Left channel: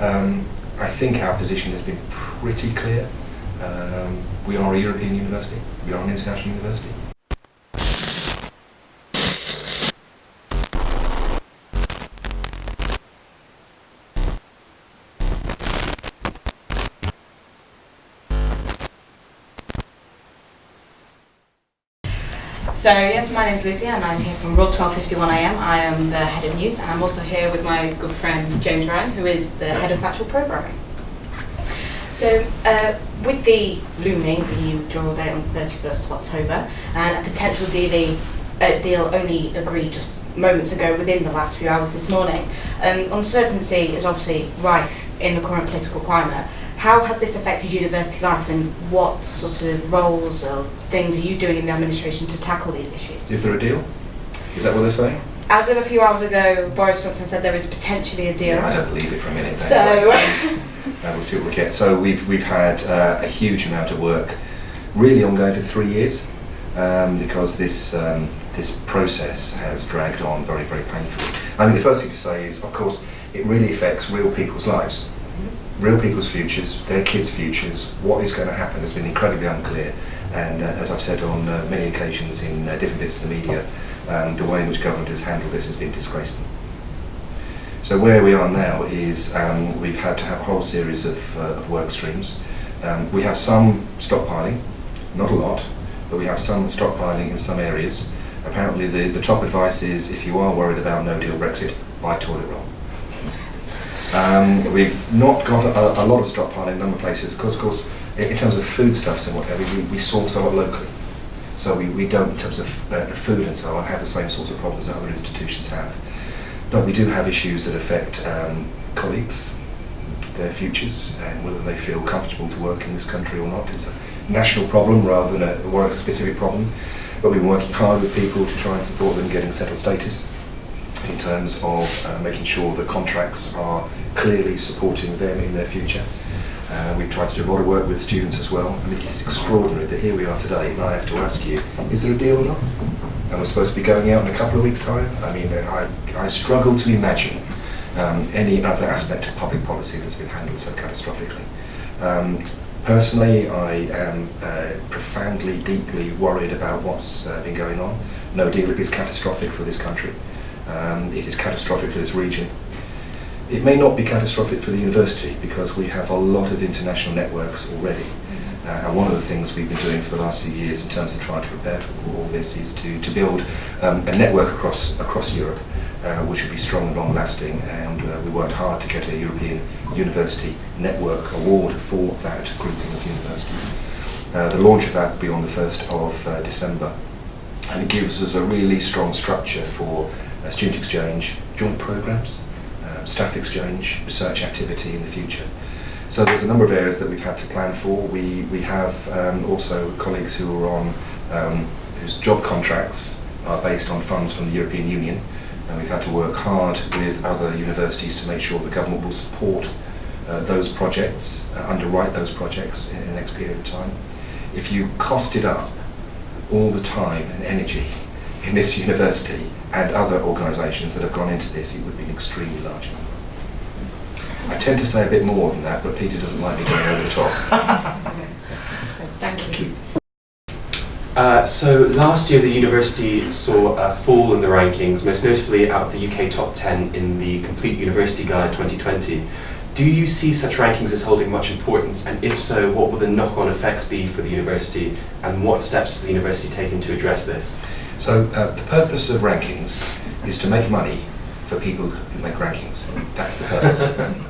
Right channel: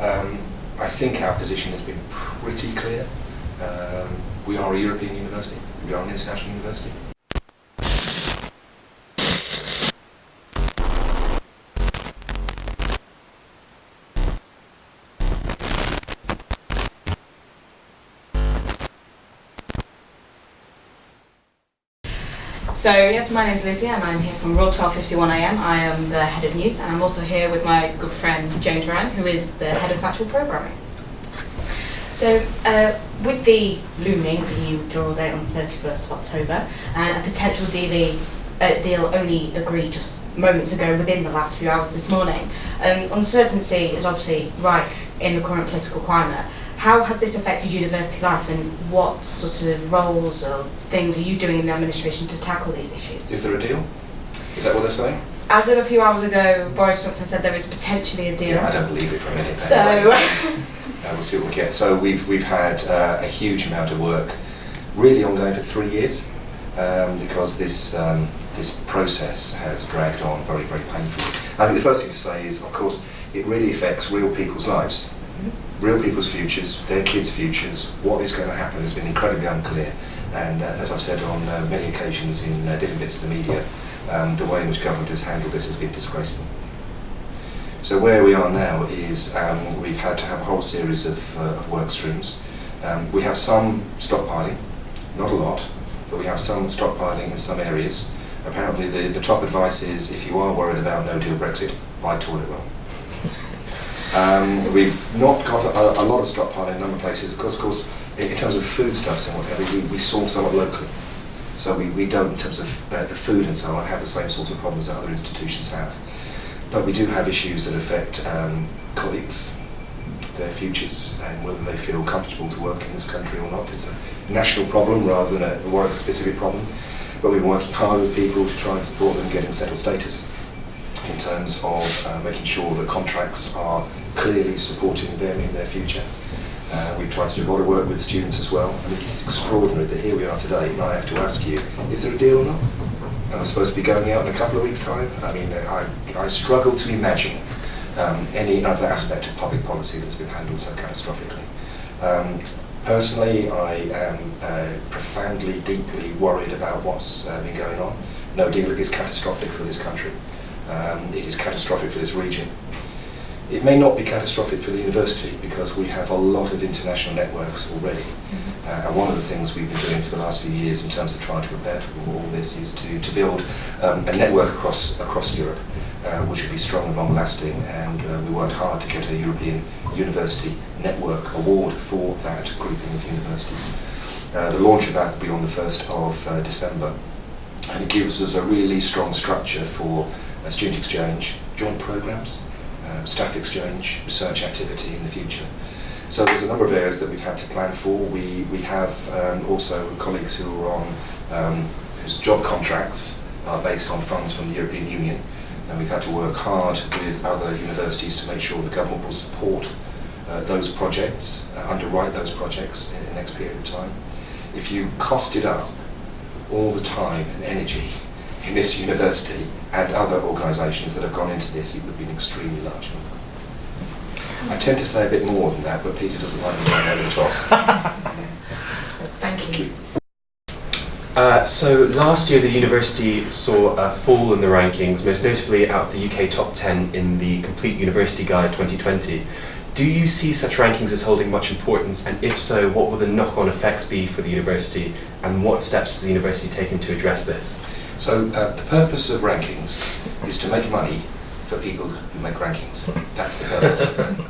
I think our position has been pretty clear. We are a European university, we are an international university. So yes, my name's Lizzie and I'm here from Raw 1251am. I am the head of news and I'm also here with my good friend James Ryan, who is the head of factual programming. So with the looming EU withdrawal date on the 31st of October and a potential deal only agreed just moments ago within the last few hours this morning, uncertainty is obviously rife in the current political climate. How has this affected university life and what sort of roles or things are you doing in the administration to tackle these issues? Is there a deal? Is that what they're saying? As of a few hours ago, Boris Johnson said there is potentially a deal. Yeah, I don't believe it for a minute. So anyway. We'll see what we get. So we've had a huge amount of work, really ongoing for 3 years, because this process has dragged on very, very painfully. I think the first thing to say is, of course, it really affects real people's lives. Real people's futures, their kids' futures. What is going to happen has been incredibly unclear, and as I've said on many occasions in different bits of the media, the way in which government has handled this has been disgraceful. So where we are now is we've had to have a whole series of work streams. We have some stockpiling, not a lot, but we have some stockpiling in some areas. Apparently the top advice is, if you are worried about no-deal Brexit, buy toilet roll. We've not got a lot of stockpiling in a number of places. Of course, in terms of foodstuffs and whatever, we source a lot locally. So we don't, in terms of food and so on, have the same sorts of problems that other institutions have. But we do have issues that affect colleagues, their futures, and whether they feel comfortable to work in this country or not. It's a national problem rather than a work-specific problem. But we've been working hard with people to try and support them getting settled status, in terms of making sure that contracts are clearly supporting them in their future. We've tried to do a lot of work with students as well. I mean, it's extraordinary that here we are today and I have to ask you, is there a deal or not? And we're supposed to be going out in a couple of weeks' time. I mean, I struggle to imagine any other aspect of public policy that's been handled so catastrophically. Personally, I am profoundly, deeply worried about what's been going on. No deal is catastrophic for this country. It is catastrophic for this region. It may not be catastrophic for the university because we have a lot of international networks already. And one of the things we've been doing for the last few years in terms of trying to prepare for all this is to build a network across Europe, which will be strong and long-lasting. And we worked hard to get a European University Network Award for that grouping of universities. The launch of that will be on the 1st of December. And it gives us a really strong structure for student exchange, joint programs, staff exchange, research activity in the future. So there's a number of areas that we've had to plan for. We have also colleagues who are on whose job contracts are based on funds from the European Union, and we've had to work hard with other universities to make sure the government will support those projects, underwrite those projects in the next period of time. If you costed up all the time and energy in this university and other organisations that have gone into this, it would be an extremely large number. I tend to say a bit more than that, but Peter doesn't like me going over the top. Thank you. So last year the university saw a fall in the rankings, most notably out of the UK top 10 in the Complete University Guide 2020. Do you see such rankings as holding much importance, and if so, what will the knock-on effects be for the university, and what steps has the university taken to address this? So the purpose of rankings is to make money for people who make rankings. That's the purpose.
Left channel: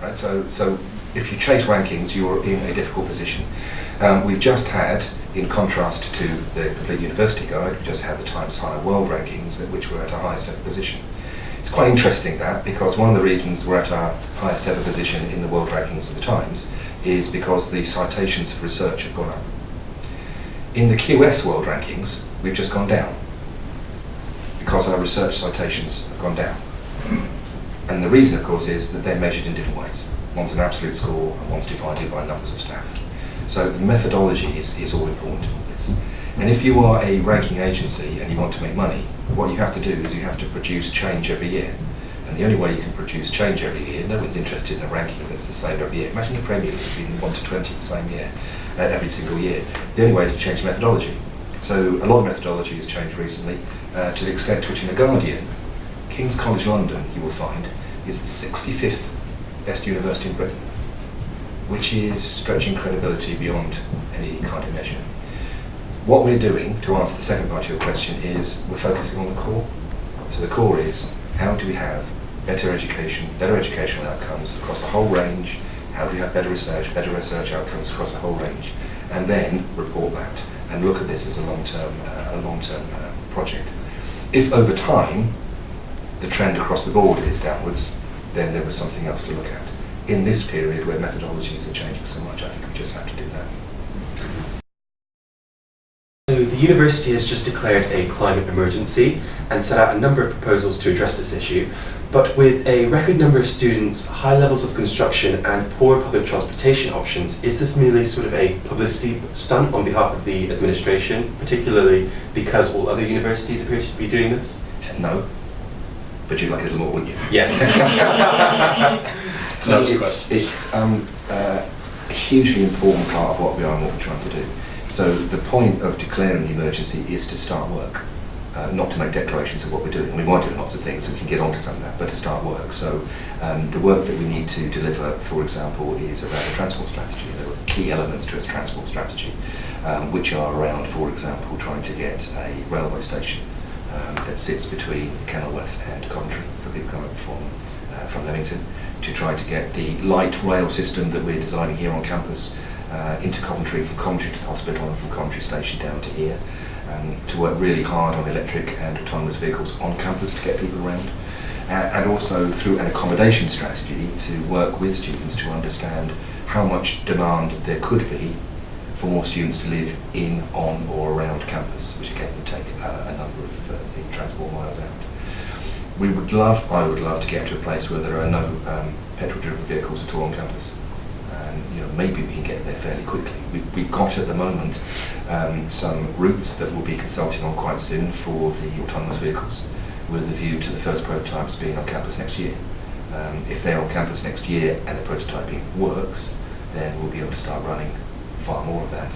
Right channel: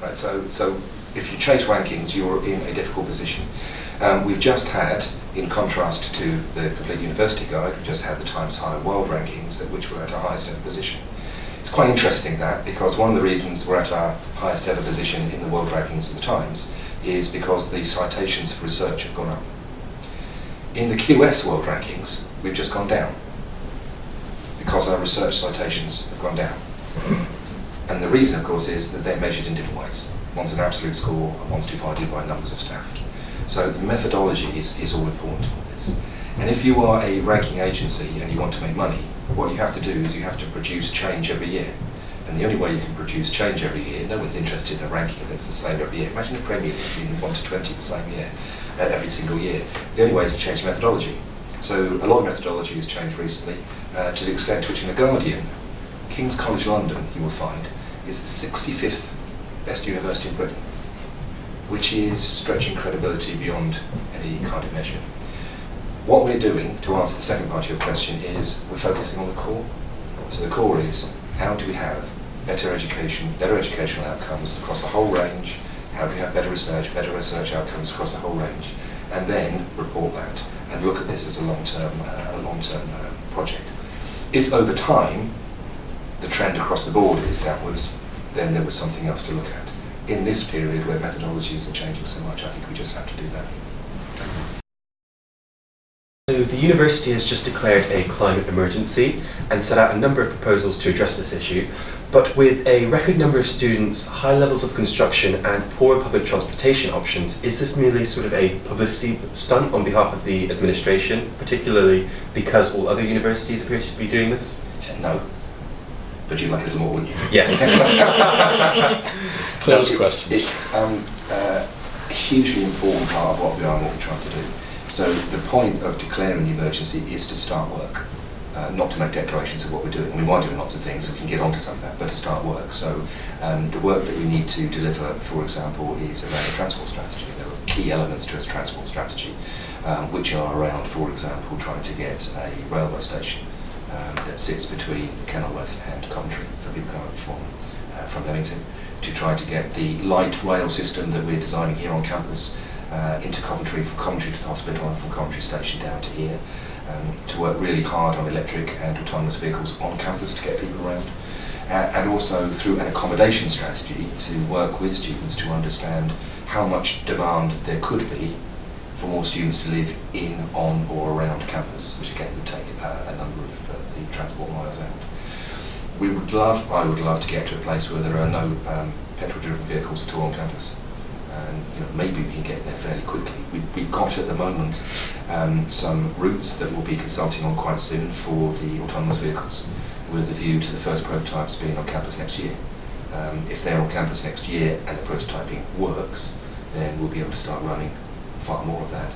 Right? So if you chase rankings, you're in a difficult position. We've just had, in contrast to the Complete University Guide, we've just had the Times Higher World Rankings, at which we're at our highest ever position. It's quite interesting that, because one of the reasons we're at our highest ever position in the world rankings of the Times is because the citations for research have gone up. In the QS World Rankings, we've just gone down, because our research citations have gone down. And the reason, of course, is that they're measured in different ways. One's an absolute score, and one's divided by numbers of staff. So the methodology is all important in all this. And if you are a ranking agency and you want to make money, what you have to do is you have to produce change every year. And the only way you can produce change every year, no one's interested in a ranking that's the same every year. Imagine the Premier League being 1 to 20 the same year, every single year. The only way is to change methodology. So a lot of methodology has changed recently to the extent to which in The Guardian, King's College London, you will find, is the 65th best university in Britain, which is stretching credibility beyond any kind of measure. What we're doing, to answer the second part of your question, is we're focusing on the core. So the core is, how do we have better education, better educational outcomes across the whole range? How do we have better research outcomes across the whole range? And then report that and look at this as a long-term project. If over time the trend across the board is downwards, then there was something else to look at. In this period where methodologies are changing so much, I think we just have to do that. So the university has just declared a climate emergency and set out a number of proposals to address this issue, but with a record number of students, high levels of construction and poor public transportation options, is this merely sort of a publicity stunt on behalf of the administration, particularly because all other universities appear to be doing this? No, but you'd like a little more, wouldn't you? Yes. It's a hugely important part of what we are and what we're trying to do. So the point of declaring the emergency is to start work, not to make declarations of what we're doing. We might do lots of things, so we can get onto some of that, but to start work. So the work that we need to deliver, for example, is around a transport strategy. There are key elements to its transport strategy, which are around, for example, trying to get a railway station that sits between Kenilworth and Coventry for people coming from Leamington, to try to get the light rail system that we're designing here on campus into Coventry, from Coventry to the hospital and from Coventry station down to here, to work really hard on electric and autonomous vehicles on campus to get people around, and also through an accommodation strategy to work with students to understand how much demand there could be for more students to live in, on or around campus, which again would take a number of the transport miles out. I would love to get to a place where there are no petrol-driven vehicles at all on campus. And maybe we can get there fairly quickly. We've got at the moment some routes that we'll be consulting on quite soon for the autonomous vehicles, with a view to the first prototypes being on campus next year. If they're on campus next year and the prototyping works, then we'll be able to start running far more of that.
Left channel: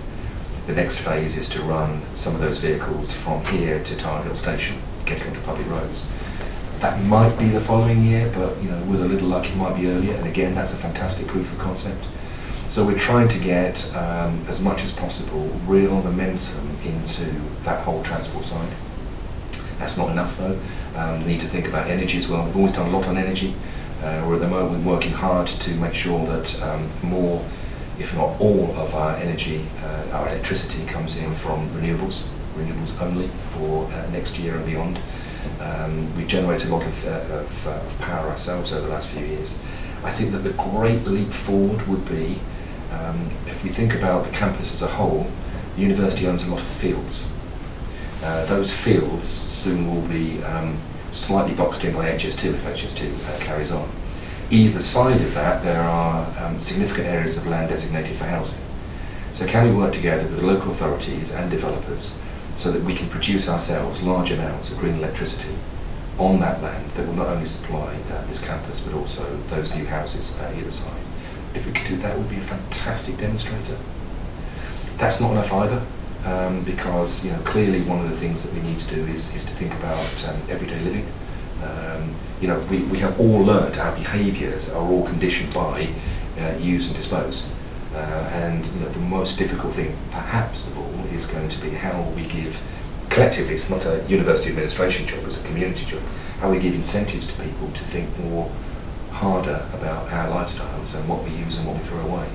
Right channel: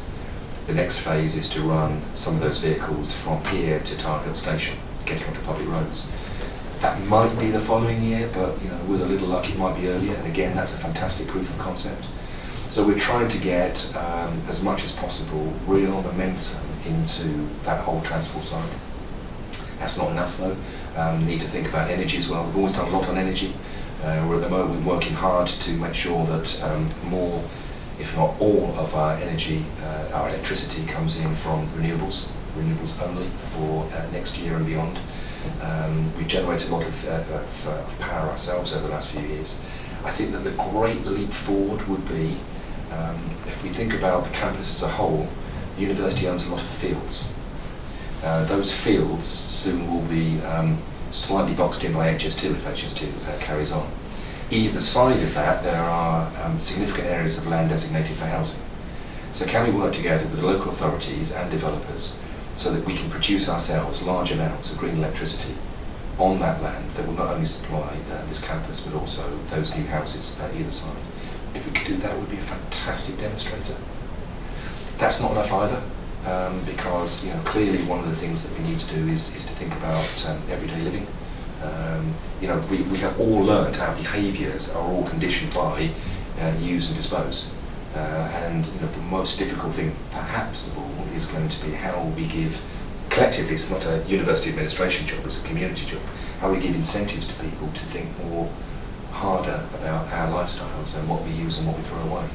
The next phase is to run some of those vehicles from here to Tower Hill Station, getting onto public roads. That might be the following year, but with a little luck it might be earlier, and again that's a fantastic proof of concept. So we're trying to get as much as possible real momentum into that whole transport side. That's not enough though. Need to think about energy as well. We've always done a lot on energy. We're at the moment working hard to make sure that more, if not all, of our energy, our electricity comes in from renewables only for next year and beyond. We've generated a lot of power ourselves over the last few years. I think that the great leap forward would be, if we think about the campus as a whole, the university owns a lot of fields. Those fields soon will be slightly boxed in by HS2 if HS2 carries on. Either side of that there are significant areas of land designated for housing. So can we work together with the local authorities and developers so that we can produce ourselves large amounts of green electricity on that land that will not only supply this campus but also those new houses either side? If we could do that, it would be a fantastic demonstrator. That's not enough either, because clearly one of the things that we need to do is to think about everyday living. We have all learned our behaviours are all conditioned by use and dispose. And the most difficult thing perhaps of all is going to be how we give, collectively, it's not a university administration job, it's a community job, how we give incentives to people to think more harder about our lifestyles and what we use and what we throw away.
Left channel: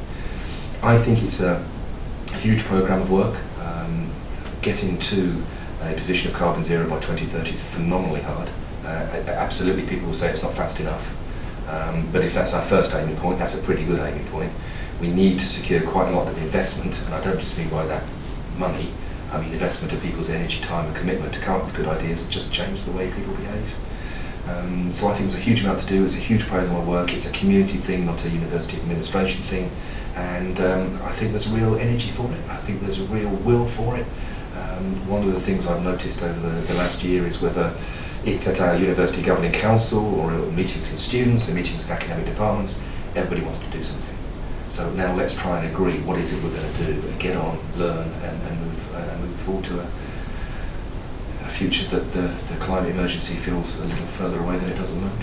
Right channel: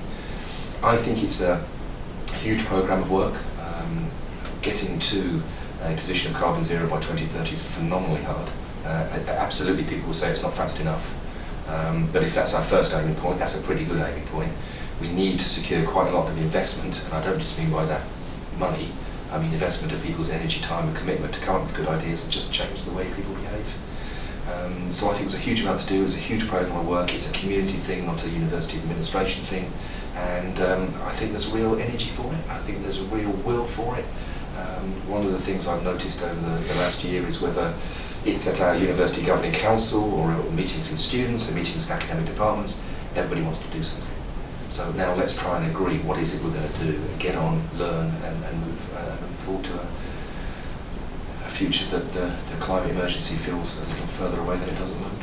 I think it's a huge programme of work. Getting to a position of carbon zero by 2030 is phenomenally hard. Absolutely, people will say it's not fast enough. But if that's our first aiming point, that's a pretty good aiming point. We need to secure quite a lot of investment, and I don't just mean by that money, I mean investment of people's energy, time and commitment to come up with good ideas and just change the way people behave. So I think there's a huge amount to do. It's a huge programme of work. It's a community thing, not a university administration thing. And I think there's real energy for it. I think there's a real will for it. One of the things I've noticed over the last year is whether it's at our university governing council or meetings with students and meetings with academic departments. Everybody wants to do something. So now let's try and agree what is it we're going to do and get on, learn and move forward to a future that the climate emergency feels a little further away than it does at the moment.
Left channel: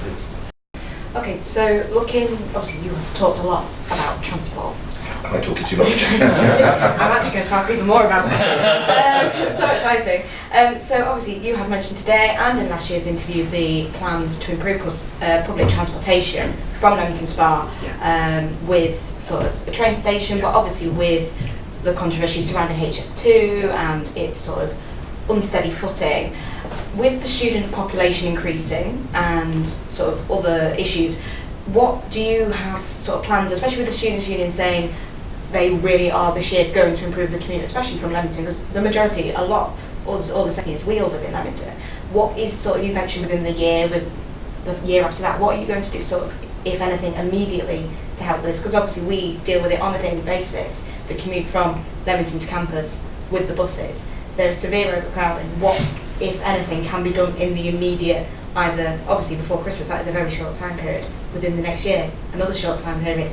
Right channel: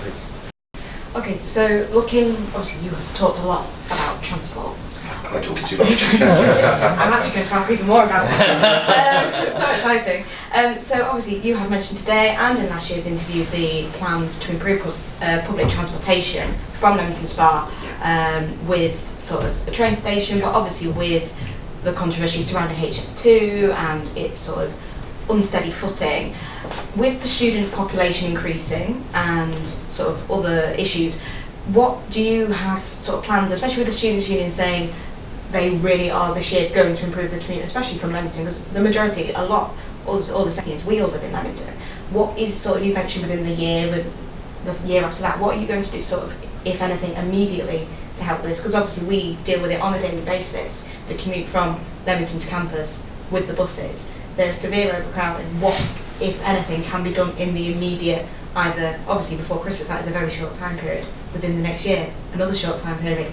Thanks. Okay, so looking, obviously you have talked a lot about transport. Am I talking too much? I'm actually going to ask even more about it. So exciting. So obviously you have mentioned today and in last year's interview the plan to improve public transportation from Leamington Spa with sort of a train station, but obviously with the controversy surrounding HS2 and its sort of unsteady footing. With the student population increasing and sort of other issues, what do you have sort of plans, especially with the Students' Union saying they really are this year going to improve the commute, especially from Leamington, because the majority, a lot, all the second years, we all live in Leamington. What is sort of, you mentioned within the year, with the year after that, what are you going to do sort of, if anything, immediately to help with this? Because obviously we deal with it on a daily basis, the commute from Leamington to campus with the buses. There is severe overcrowding. What, if anything, can be done in the immediate, either obviously before Christmas, that is a very short time period, within the next year, another short time period.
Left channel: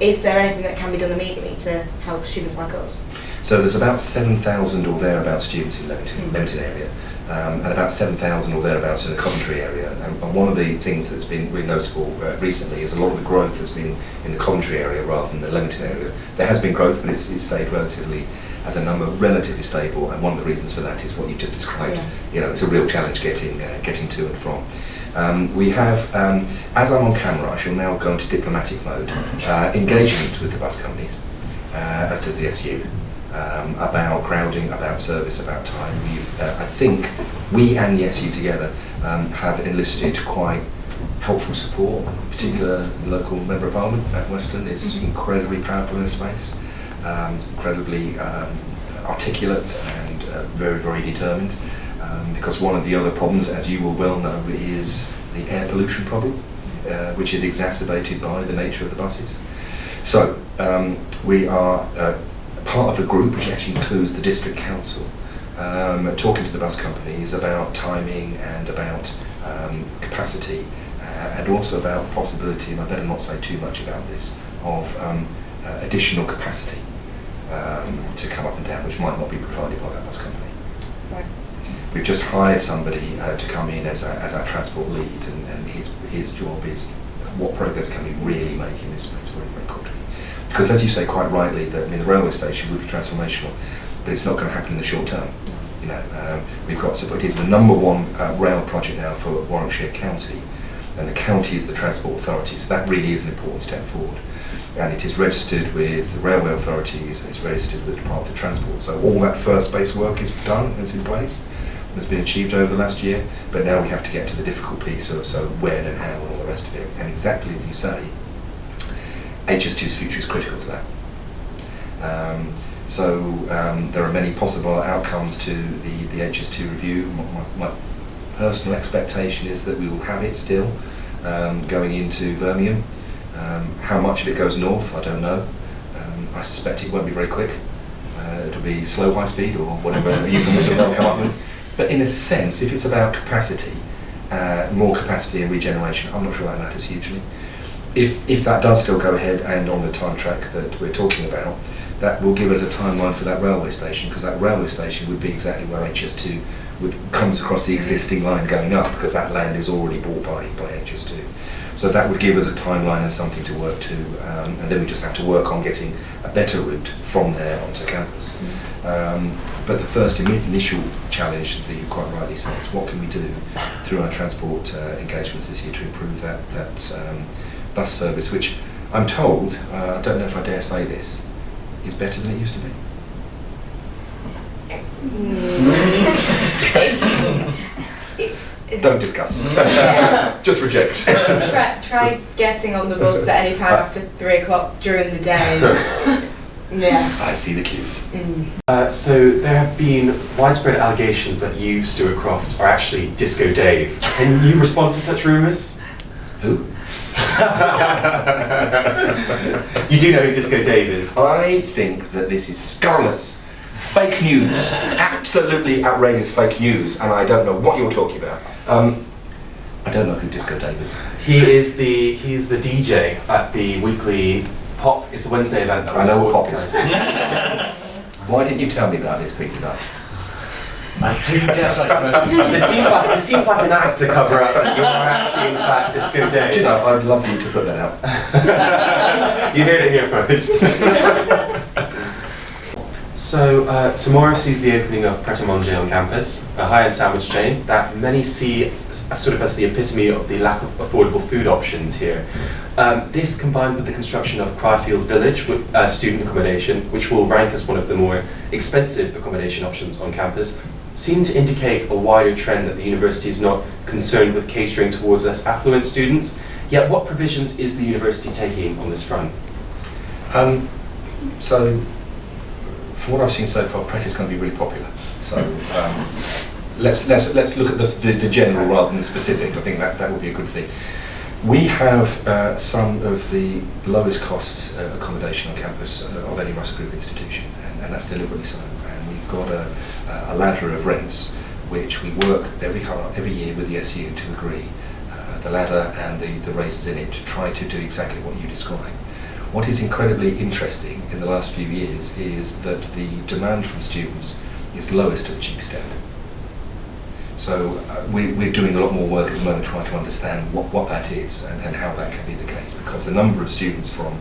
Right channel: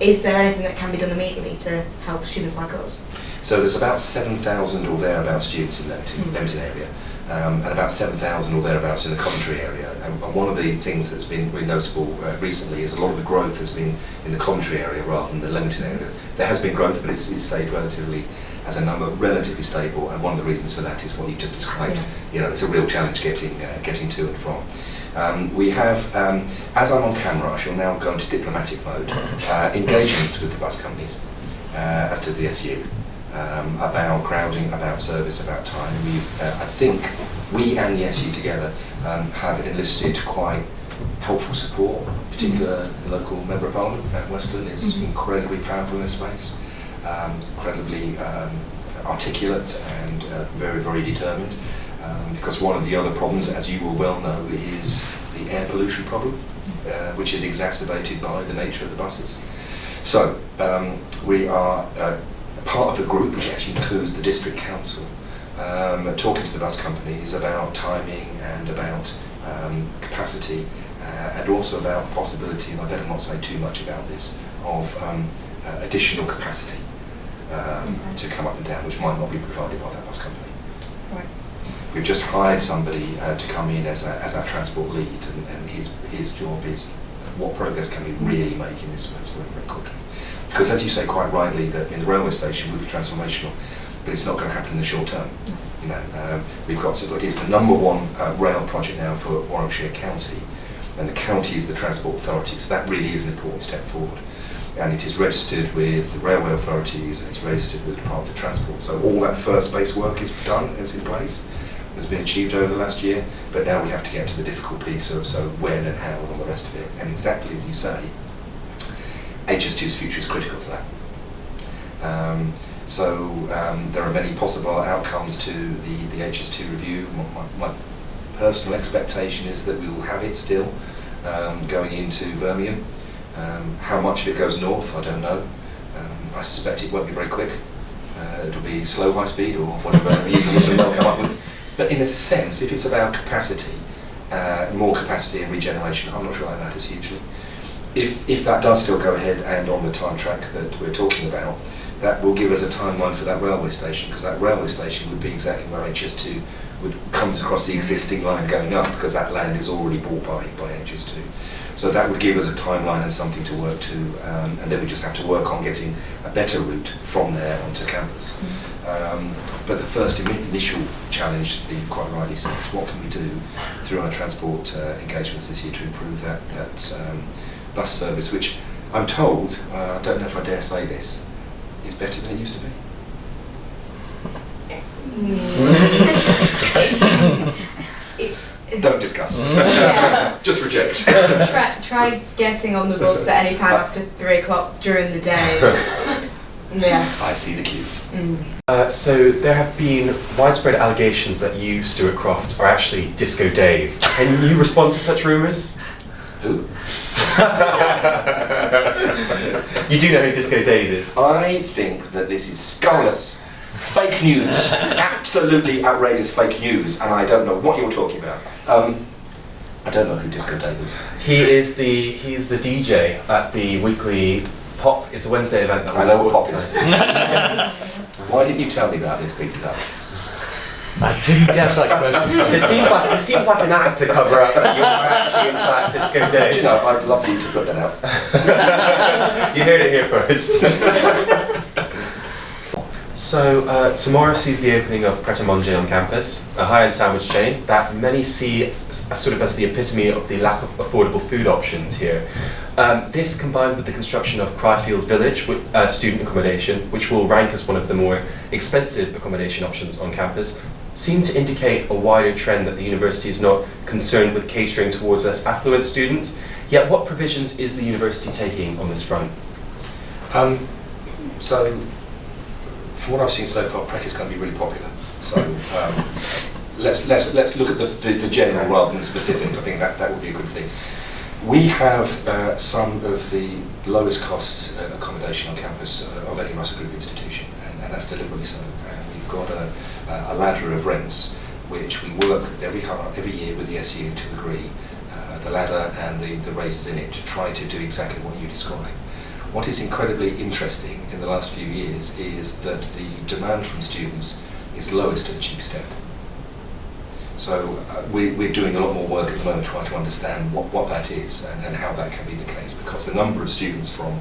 Is there anything that can be done immediately to help students like us? So there's about 7,000 or thereabouts students in Leamington area, and about 7,000 or thereabouts in the Coventry area. And one of the things that's been really noticeable recently is a lot of the growth has been in the Coventry area rather than the Leamington area. There has been growth, but it's stayed relatively, as a number, relatively stable. And one of the reasons for that is what you've just described. Yeah. You know, it's a real challenge getting to and from. We have, as I'm on camera, I shall now go into diplomatic mode, engagements with the bus companies, as does the SU, about crowding, about service, about time. I think we and the SU together have enlisted quite helpful support. In particular, the local Member of Parliament at Western is incredibly powerful in this space, incredibly articulate and very, very determined. Because one of the other problems, as you will well know, is the air pollution problem, which is exacerbated by the nature of the buses. So we are part of a group which actually includes the district council, talking to the bus companies about timing and about capacity, and also about the possibility, and I better not say too much about this, of additional capacity to come up and down, which might not be provided by that bus company. Right. We've just hired somebody to come in as our transport lead, and his job is what progress can we really make in this space very, very quickly. Because as you say quite rightly, that the railway station will be transformational, but it's not going to happen in the short term. You know, we've got, so it is the #1 rail project now for Warwickshire County, and the county is the transport authority, so that really is an important step forward. And it is registered with the railway authorities, and it's registered with the Department for Transport. So all that first base work is done, it's in place, has been achieved over the last year, but now we have to get to the difficult piece of so when and how and all the rest of it. And exactly as you say, HS2's future is critical to that. There are many possible outcomes to the HS2 review. My personal expectation is that we will have it still going into Birmingham. How much of it goes north, I don't know. I suspect it won't be very quick. It'll be slow high speed or whatever euphemism they'll come up with. But in a sense, if it's about capacity, more capacity and regeneration, I'm not sure that matters hugely. If that does still go ahead and on the time track that we're talking about, that will give us a timeline for that railway station, because that railway station would be exactly where HS2 comes across the existing line going up, because that land is already bought by HS2. So that would give us a timeline and something to work to, and then we just have to work on getting a better route from there onto campus. But the first initial challenge that you quite rightly said is what can we do through our transport engagements this year to improve that bus service, which I'm told, I don't know if I dare say this, is better than it used to be. Don't discuss. Just reject. Try getting on the bus at any time after 3 o'clock during the day. Yeah. I see the cues. So there have been widespread allegations that you, Stuart Croft, are actually Disco Dave. Can you respond to such rumours? Who? You do know who Disco Dave is? I think that this is scurrilous, Fake news. Absolutely outrageous fake news, and I don't know what you're talking about. I don't know who Disco Dave is. He's the DJ at the weekly Pop. It's a Wednesday event. I know what Pop is. Why didn't you tell me about this, Peter? I didn't guess that question. This seems like an act to cover up that you are actually in fact Disco Dave. Do you know, I'd love you to put that out. You heard it here first. So tomorrow sees the opening of Pret a Manger on campus, a high-end sandwich chain that many see sort of as the epitome of the lack of affordable food options here. This, combined with the construction of Cryfield Village with student accommodation, which will rank as one of the more expensive accommodation options on campus, seem to indicate a wider trend that the university is not concerned with catering towards less affluent students. Yet what provisions is the university taking on this front? So, from what I've seen so far, Pret is going to be really popular. So let's look at the general rather than the specific. I think that would be a good thing. We have some of the lowest cost accommodation on campus of any Russell Group institution, and that's deliberately so. And we've got a ladder of rents which we work every year with the SU to agree the ladder and the raises in it to try to do exactly what you describe. What is incredibly interesting in the last few years is that the demand from students is lowest at the cheapest end. So we're doing a lot more work at the moment trying to understand what that is and how that can be the case, because the number of students from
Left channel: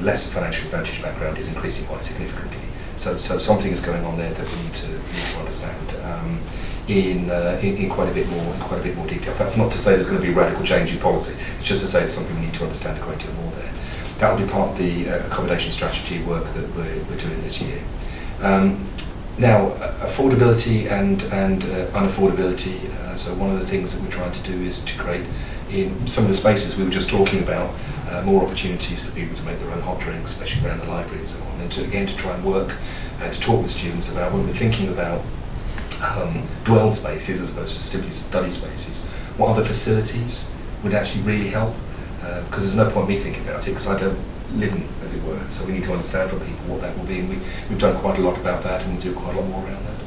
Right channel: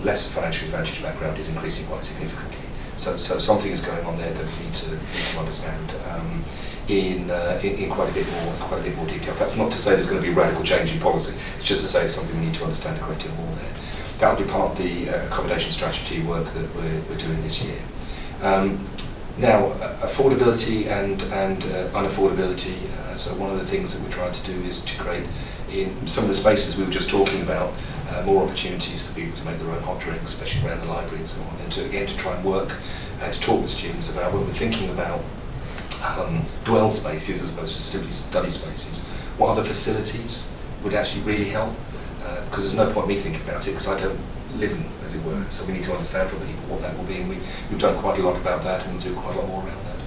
less financially advantaged background is increasing quite significantly. So something is going on there that we need to understand in quite a bit more detail. That's not to say there's going to be radical change in policy. It's just to say it's something we need to understand a great deal more there. That will be part of the accommodation strategy work that we're doing this year. Now, affordability and unaffordability. So one of the things that we're trying to do is to create, in some of the spaces we were just talking about, more opportunities for people to make their own hot drinks, especially around the library and so on. And to try and work and to talk with students about when we're thinking about dwell spaces as opposed to study spaces, what other facilities would actually really help. Because there's no point me thinking about it because I don't live in, as it were. So we need to understand from people what that will be, and we've done quite a lot about that, and we'll do quite a lot more around that.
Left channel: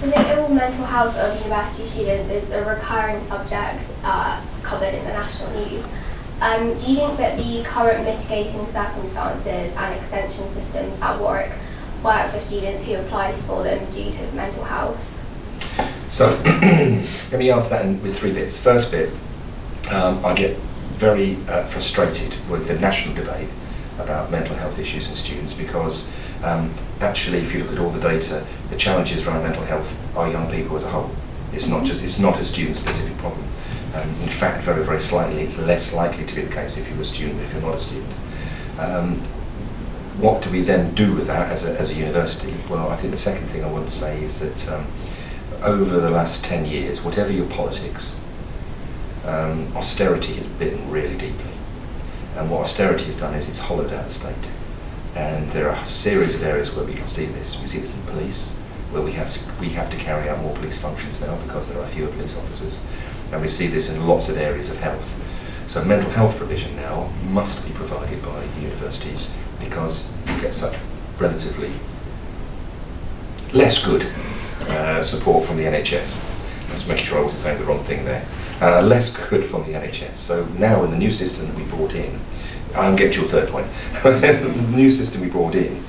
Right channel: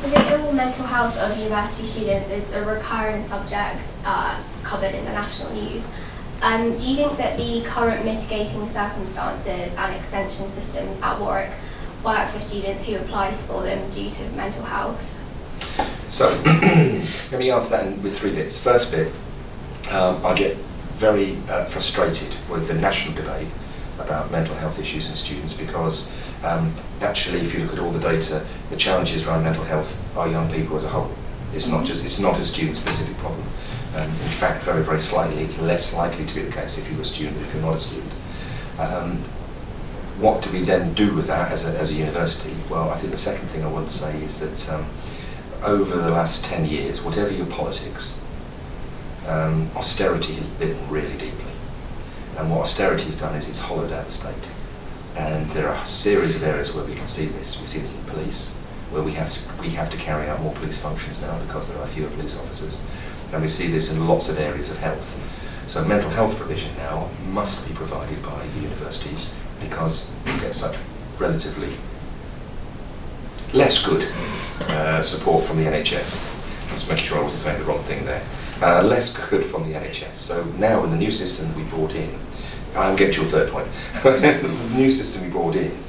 So the ill mental health of university students is a recurring subject covered in the national news. Do you think that the current mitigating circumstances and extension systems at Warwick work for students who applied for them due to mental health? So let me answer that with three bits. First bit, I get very frustrated with the national debate about mental health issues in students because actually, if you look at all the data, the challenges around mental health are young people as a whole. It's not a student-specific problem. In fact, very, very slightly, it's less likely to be the case if you're a student than if you're not a student. What do we then do with that as a university? Well, I think the second thing I want to say is that over the last 10 years, whatever your politics, austerity has bitten really deeply. And what austerity has done is it's hollowed out the state. And there are a series of areas where we can see this. We see this in the police, where we have to carry out more police functions now because there are fewer police officers. And we see this in lots of areas of health. So mental health provision now must be provided by the universities because you get such relatively less good support from the NHS. I was making sure I wasn't saying the wrong thing there. Less good from the NHS. So now in the new system that we brought in, I'm getting to your third point. The new system we brought in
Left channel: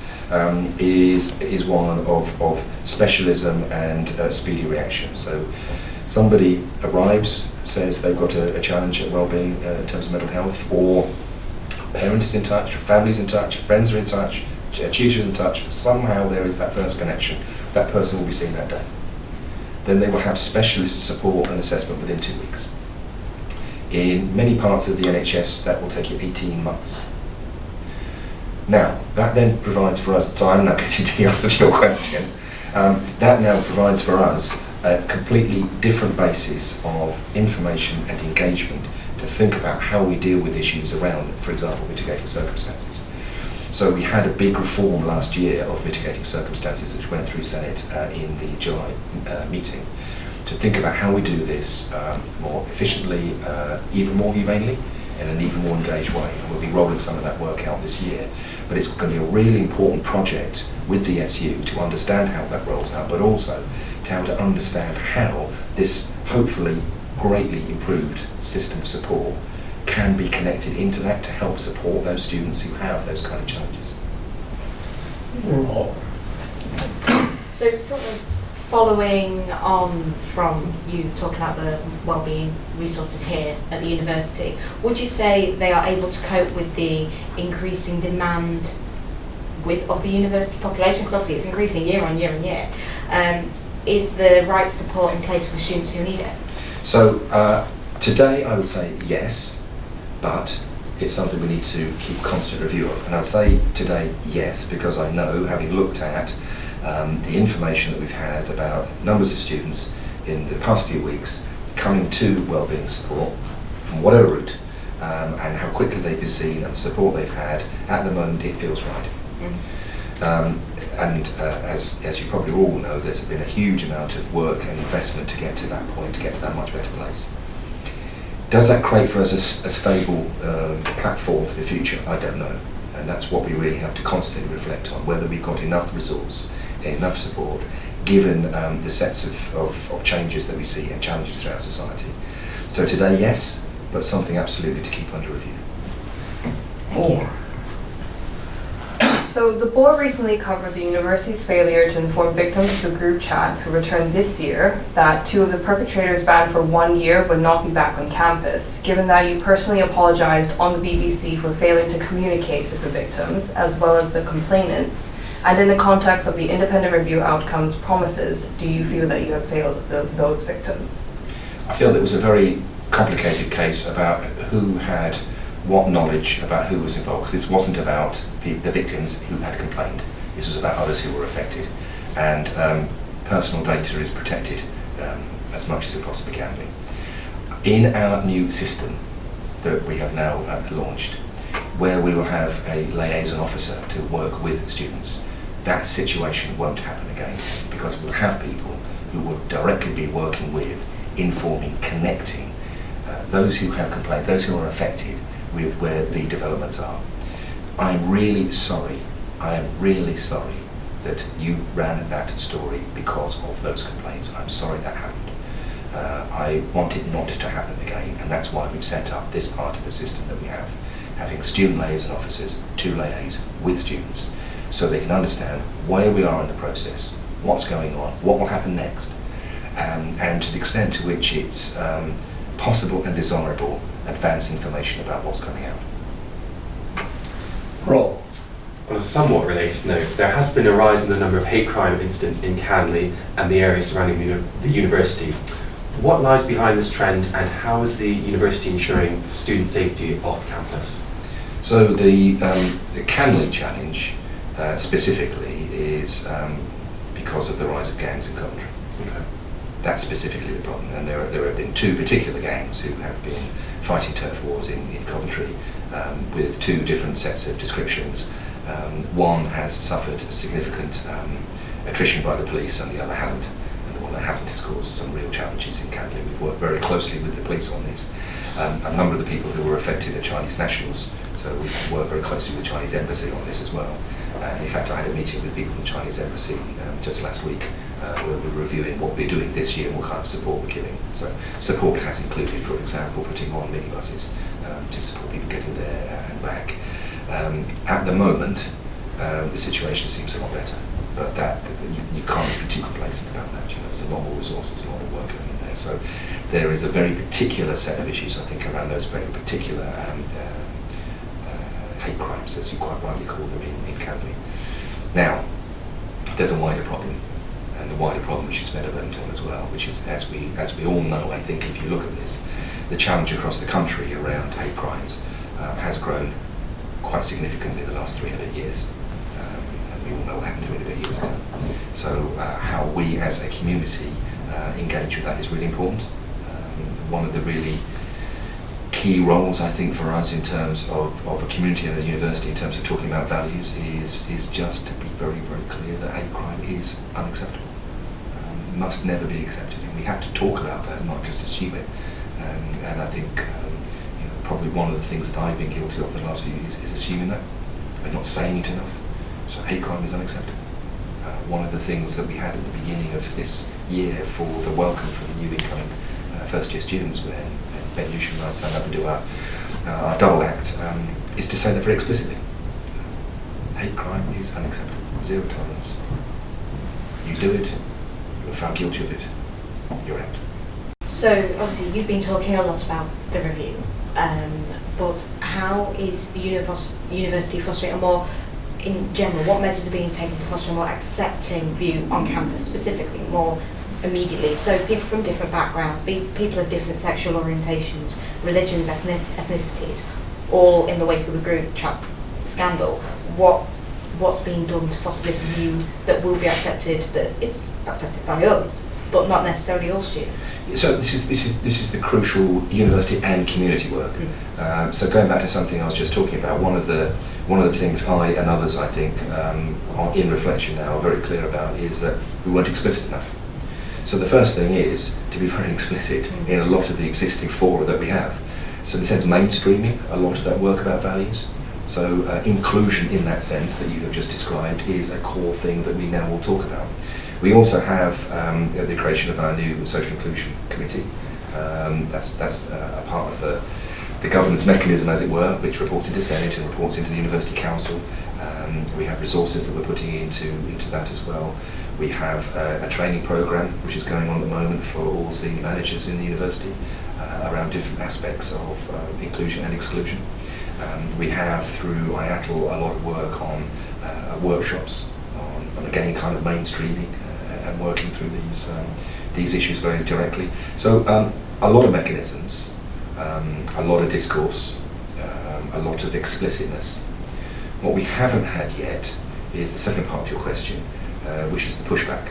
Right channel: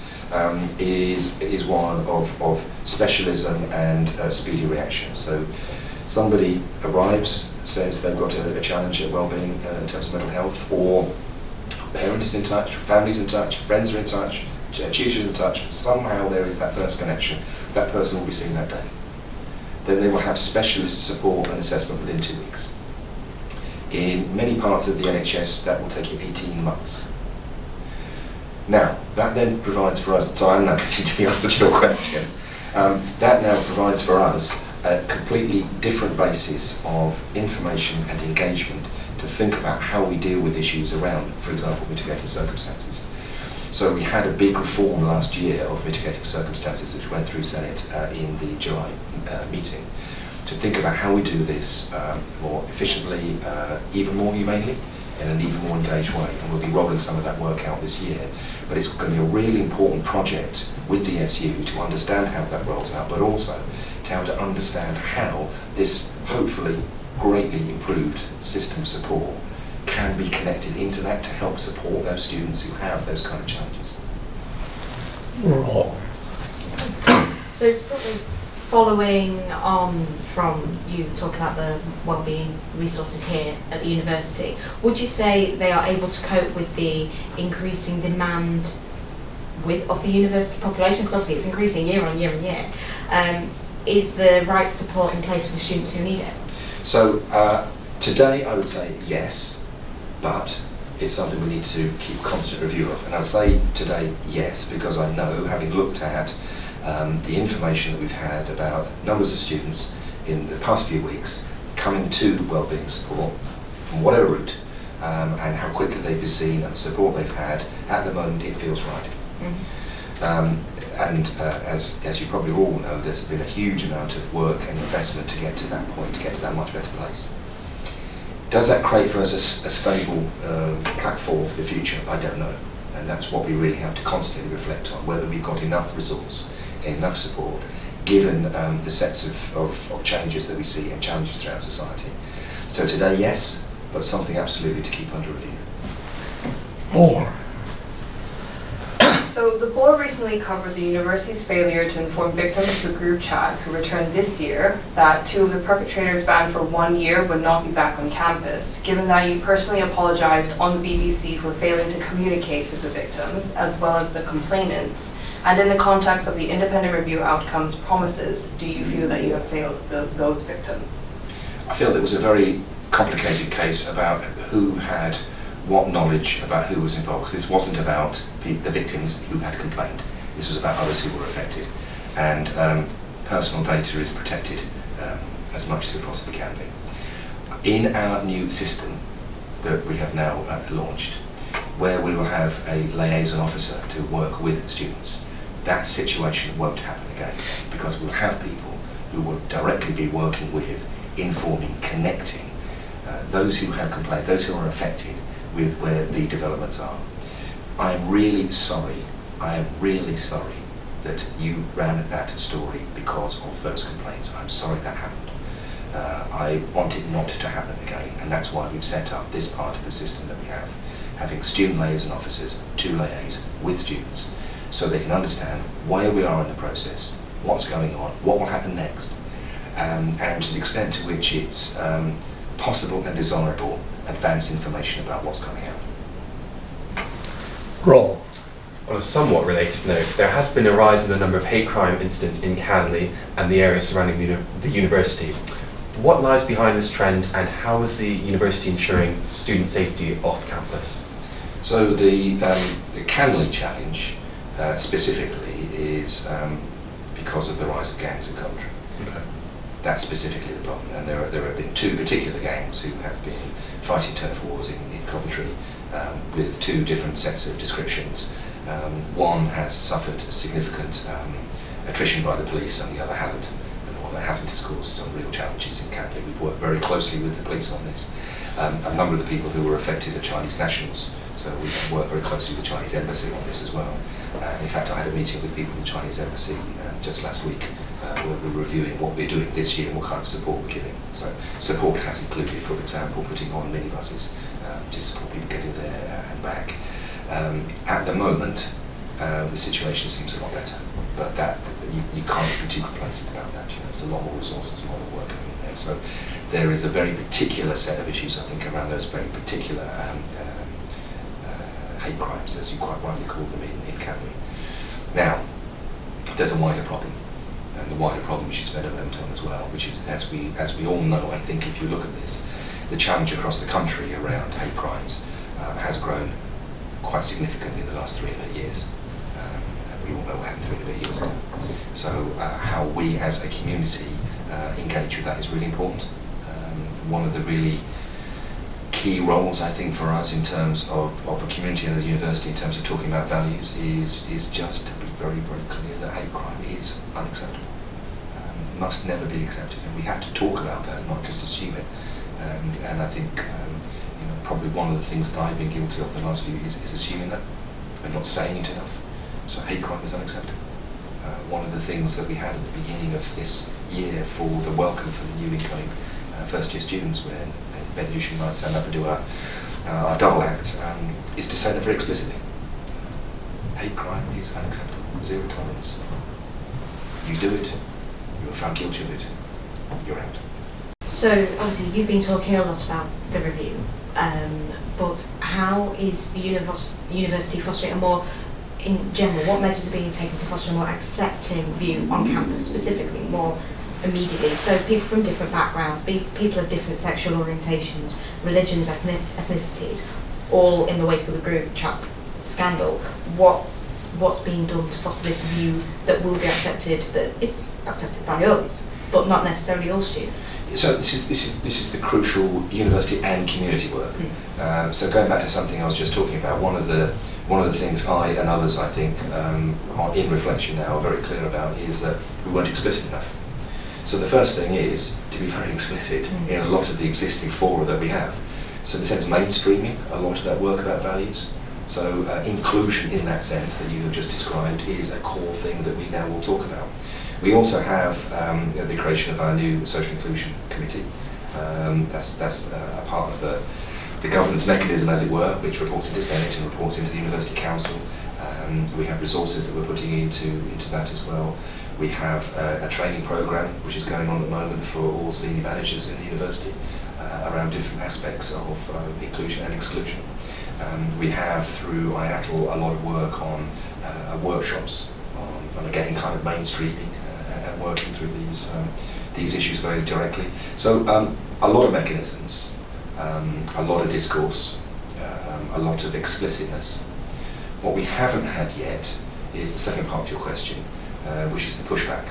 is one of specialism and speedy reaction. So somebody arrives, says they've got a challenge at well-being in terms of mental health, or a parent is in touch, family's in touch, friends are in touch, tutors in touch. Somehow there is that first connection. That person will be seen that day. Then they will have specialist support and assessment within 2 weeks. In many parts of the NHS, that will take you 18 months. Now, that then provides for us, so I'm now getting to the answer to your question, that now provides for us a completely different basis of information and engagement to think about how we deal with issues around, for example, mitigating circumstances. So we had a big reform last year of mitigating circumstances which went through Senate in the July meeting to think about how we do this more efficiently, even more humanely, in an even more engaged way, and we'll be rolling some of that work out this year. But it's going to be a really important project with the SU to understand how that rolls out, but also to understand how this hopefully greatly improved system of support can be connected into that to help support those students who have those kind of challenges. So sort of following on from you talking about the wellbeing resources here at the university, would you say they are able to cope with the increasing demand of the university population? Because obviously it's increasing year on year and year. Is the right support in place for the students who need it? So today I would say yes, but it's something we need to keep constant review of. And I would say today yes, because I know, having looked at the information that we've had about numbers of students in the past few weeks coming to wellbeing support from whatever route, and how quickly they've been seen and the support they've had, at the moment it feels right. As you probably all know, there's been a huge amount of work and investment to get to that point, to get to that much better place. Does that create for us a stable platform for the future? I don't know. And that's what we really have to constantly reflect on, whether we've got enough resource, enough support, given the sets of changes that we see and challenges throughout society. So today, yes, but something absolutely to keep under review. Thank you. So the board recently covered the university's failure to inform victims of the group chat who returned this year that 2 of the perpetrators banned for 1 year would not be back on campus. Given that you personally apologized on the BBC for failing to communicate with the victims as well as the complainants, and in the context of the independent review outcomes promises, do you feel that you have failed those victims? I feel that it was a very complicated case about who had what knowledge about who was involved, because this wasn't about the victims who had complained, this was about others who were affected, and personal data is protected as much as it possibly can be. In our new system that we have now launched, where we will have a liaison officer to work with students, that situation won't happen again, because we'll have people who will directly be working with, informing, connecting those who have complained, those who are affected, with where the developments are. I am really sorry that you ran that story because of those complaints. I'm sorry that happened. I want it not to happen again, and that's why we've set up this part of the system that we have, having student liaison officers to liaise with students so they can understand where we are in the process, what's going on, what will happen next, and to the extent to which it's possible and desirable, advance information about what's coming out. Roll. On a somewhat related note, there has been a rise in the number of hate crime incidents in Canley and the area surrounding the university. What lies behind this trend, and how is the university ensuring student safety off campus? So the Canley challenge specifically is because of the rise of gangs in Coventry. Okay. That's specifically the problem, and there have been 2 particular gangs who have been fighting turf wars in Coventry with 2 different sets of descriptions. One has suffered significant attrition by the police and the other hasn't, and the one that hasn't has caused some real challenges in Canley. We've worked very closely with the police on this. A number of the people who were affected are Chinese nationals, so we've worked very closely with the Chinese embassy on this as well. In fact, I had a meeting with people from the Chinese embassy just last week where we're reviewing what we're doing this year and what kind of support we're giving. So support has included, for example, putting on minibuses to support people getting there and back. At the moment, the situation seems a lot better, but you can't be too complacent about that. You know, there's a lot more resources, a lot more work going on there. So there is a very particular set of issues, I think, around those very particular hate crimes, as you quite rightly call them in Canley. Now, there's a wider problem, and the wider problem which is better than on as well, which is, as we all know, I think, if you look at this, the challenge across the country around hate crimes has grown quite significantly in the last 3 and a bit years. And we all know what happened 3 and a bit years ago. So how we as a community engage with that is really important. One of the really key roles, I think, for us in terms of a community and a university in terms of talking about values is just to be very, very clear that hate crime is unacceptable. Must never be accepted. And we have to talk about that, not just assume it. And I think probably one of the things that I've been guilty of in the last few years is assuming that and not saying it enough. So hate crime is unacceptable. One of the things that we had at the beginning of this year for the welcome for the new incoming first year students, when Ben Yushin and I stand up and do our double act, is to say that very explicitly. Hate crime is unacceptable. Zero tolerance. You do it, you are found guilty of it, you're out. So obviously you've been talking a lot about the review, but how is the university fostering a more, in general, what measures are being taken to foster a more accepting view on campus, specifically more immediately? So people from different backgrounds, people of different sexual orientations, religions, ethnicities, all in the wake of the group chat scandal. What's being done to foster this view that will be accepted, that is accepted by us, but not necessarily all students? So this is the crucial university and community work. So going back to something I was just talking about, one of the things I and others, I think, are in reflection now, are very clear about, is that we weren't explicit enough. So the first thing is to be very explicit in a lot of the existing fora that we have. So in the sense of mainstreaming a lot of that work about values. So inclusion in that sense that you have just described is a core thing that we now will talk about. We also have the creation of our new social inclusion committee. That's a part of the governance mechanism, as it were, which reports into Senate and reports into the University Council. We have resources that we're putting into that as well. We have a training programme which is going on at the moment for all senior managers in the university around different aspects of inclusion and exclusion. We have through IATL a lot of work on workshops on again kind of mainstreaming and working through these issues very directly. So a lot of mechanisms, a lot of discourse, a lot of explicitness. What we haven't had yet is the second part of your question, which is the pushback.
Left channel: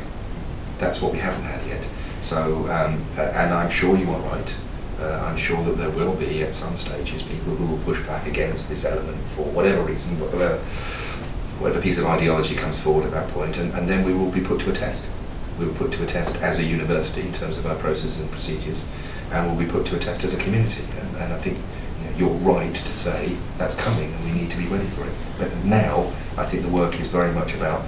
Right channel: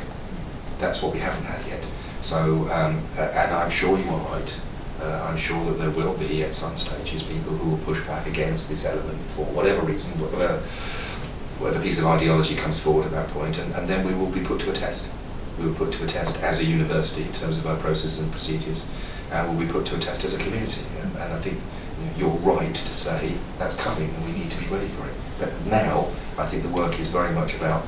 That's what we haven't had yet. So, and I'm sure you are right. I'm sure that there will be at some stages people who will push back against this element for whatever reason, whatever piece of ideology comes forward at that point, and then we will be put to a test. We will put to a test as a university in terms of our processes and procedures, and we'll be put to a test as a community. And I think you're right to say that's coming and we need to be ready for it. But now I think the work is very much about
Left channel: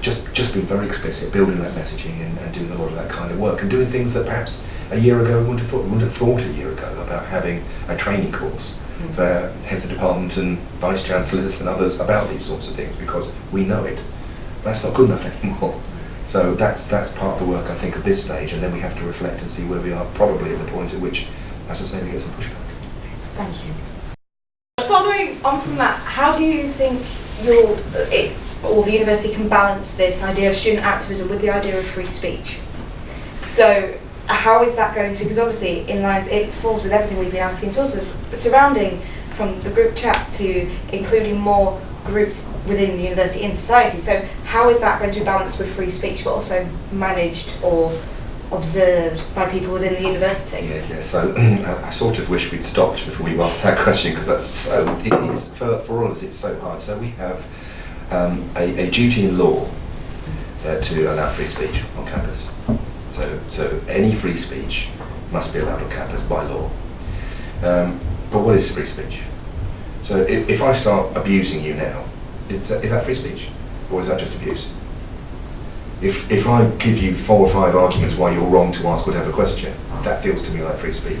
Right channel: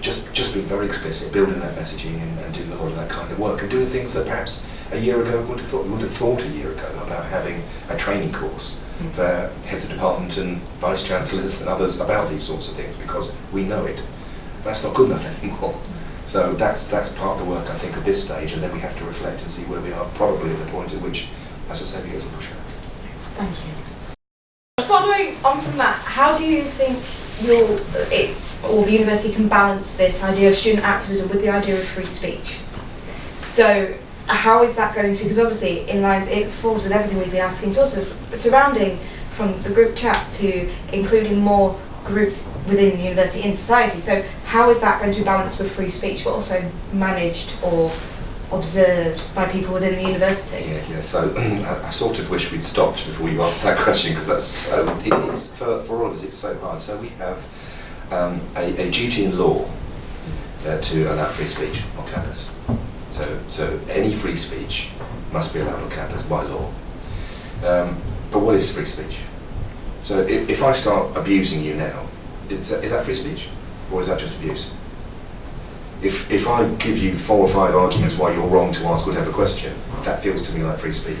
just being very explicit, building that messaging and doing a lot of that kind of work and doing things that perhaps a year ago we wouldn't have thought a year ago about having a training course for heads of department and vice chancellors and others about these sorts of things, because we know it. That's not good enough anymore. So that's part of the work, I think, at this stage, and then we have to reflect and see where we are, probably at the point at which, as I say, we get some pushback. Thank you. Following on from that, how do you think the university can balance this idea of student activism with the idea of free speech? So how is that going to be, because obviously it falls with everything we've been asking, sort of surrounding from the group chat to including more groups within the university in society. So how is that going to be balanced with free speech but also managed or observed by people within the university? Yeah. So I sort of wish we'd stopped before we asked that question, because it is for all of us, it's so hard. So we have a duty in law to allow free speech on campus. So any free speech must be allowed on campus by law. But what is free speech? So if I start abusing you now, is that free speech? Or is that just abuse? If I give you 4 or 5 arguments why you're wrong to ask whatever question, that feels to me like free speech.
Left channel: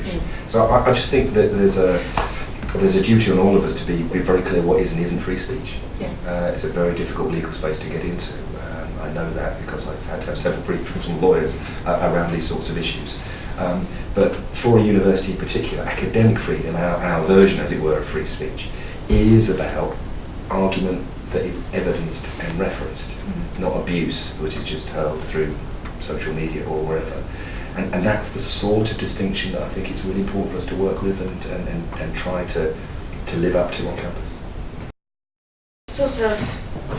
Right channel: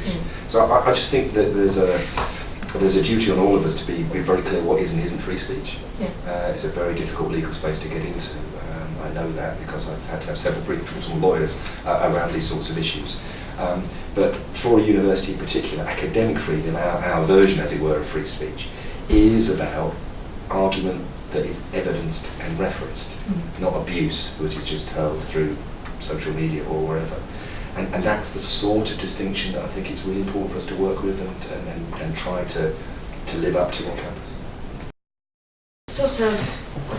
So I just think that there's a duty on all of us to be very clear what is and isn't free speech. It's a very difficult legal space to get into. I know that because I've had to have several briefings from lawyers around these sorts of issues. But for a university in particular, academic freedom, our version, as it were, of free speech, is about argument that is evidenced and referenced, not abuse which is just hurled through social media or wherever. And that's the sort of distinction that I think it's really important for us to work with and try to live up to on campus. Sort of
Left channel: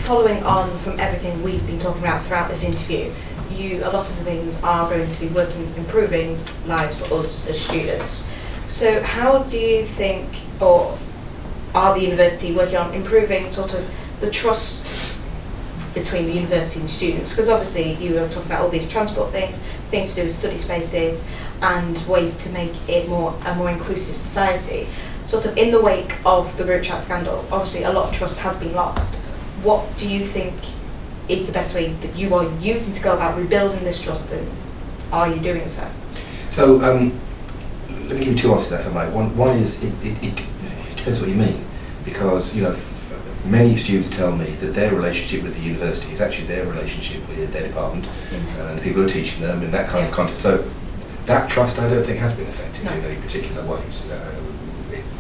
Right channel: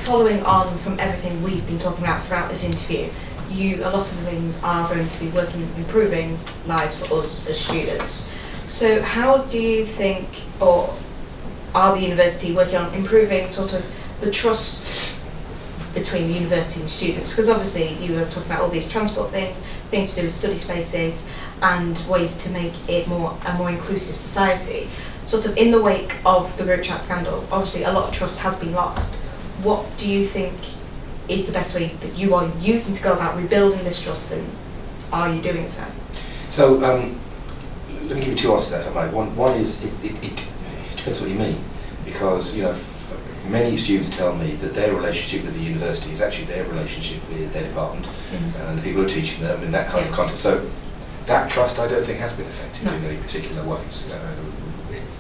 following on from everything we've been talking about throughout this interview, a lot of the things are going to be improving lives for us as students. So how do you think, or are the university working on improving sort of the trust between the university and students? Because obviously you were talking about all these transport things to do with study spaces and ways to make it a more inclusive society. sort of in the wake of the group chat scandal, obviously a lot of trust has been lost. What do you think is the best way that you are using to go about rebuilding this trust, and are you doing so? So let me give you two answers to that, if I may. One is it depends what you mean, because many students tell me that their relationship with the university is actually their relationship with their department and the people who are teaching them in that kind of context. So that trust, I don't think, has been affected in any particular ways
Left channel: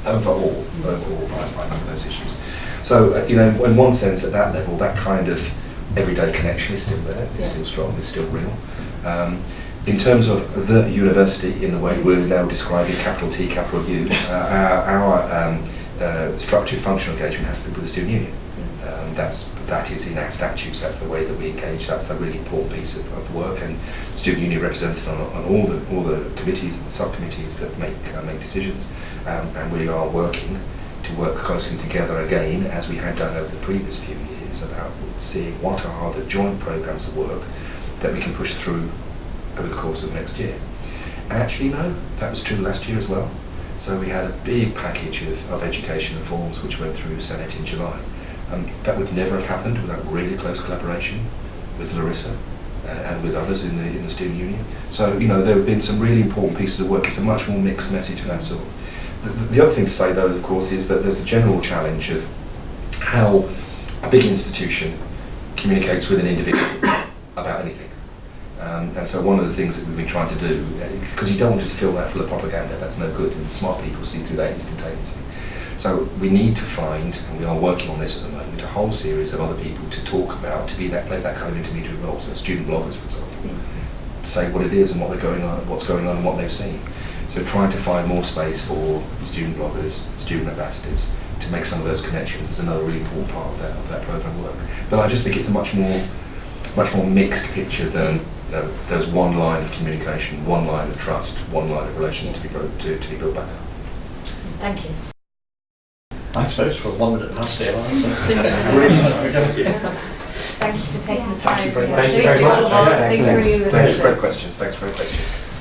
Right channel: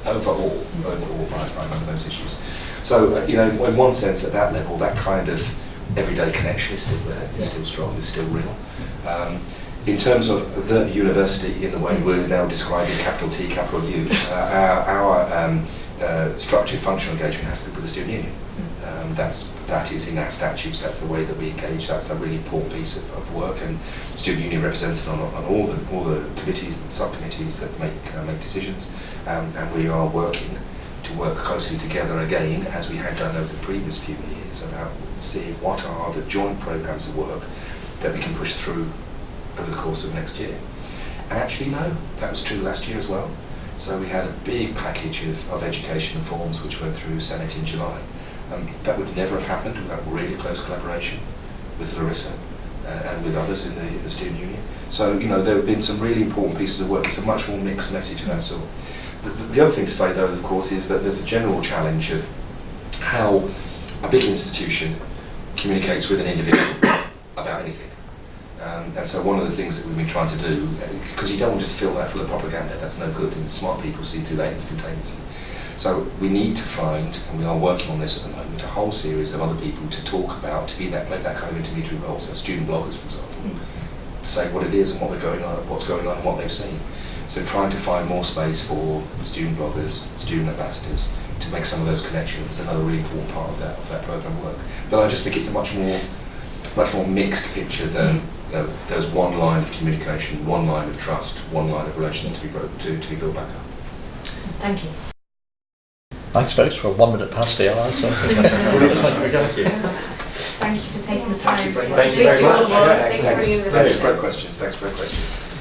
overall by none of those issues. So in one sense, at that level, that kind of everyday connection is still there, it's still strong, it's still real. In terms of the university, in the way we're now describing capital T, capital U, our structured functional engagement has to be with the student union. That is in our statutes, that's the way that we engage, that's a really important piece of work, and student union represented on all the committees and subcommittees that make decisions, and we are working to work closely together again, as we have done over the previous few years, about seeing what are the joint programmes of work that we can push through over the course of next year. And actually, no, that was true last year as well. So we had a big package of education reforms which went through Senate in July. That would never have happened without really close collaboration with Larissa and with others in the student union. So there have been some really important pieces of work. It's a much more mixed message of that sort. The other thing to say, though, of course, is that there's a general challenge of how a big institution communicates with an individual about anything. And so one of the things that we've been trying to do, because you don't want to just fill that full of propaganda, that's no good, and smart people see through that instantaneously. So we need to find, and we are working on this at the moment, a whole series of other people to talk about, to play that kind of intermediary role. So student bloggers, for example, say what it is and what's going on and what they've seen. So trying to find more space for student bloggers, student ambassadors, to make some of those connections is another really important part of that programme work. But I just think it's a much more mixed picture than there's one line of communication, one line of trust, one line of relations to be built back up. Thank you. Thanks folks, for 1 minute past the hour. So. Thank you. Thank you for taking the time. Thank you very much. Thank you very much. Thank you for Thanks for great questions.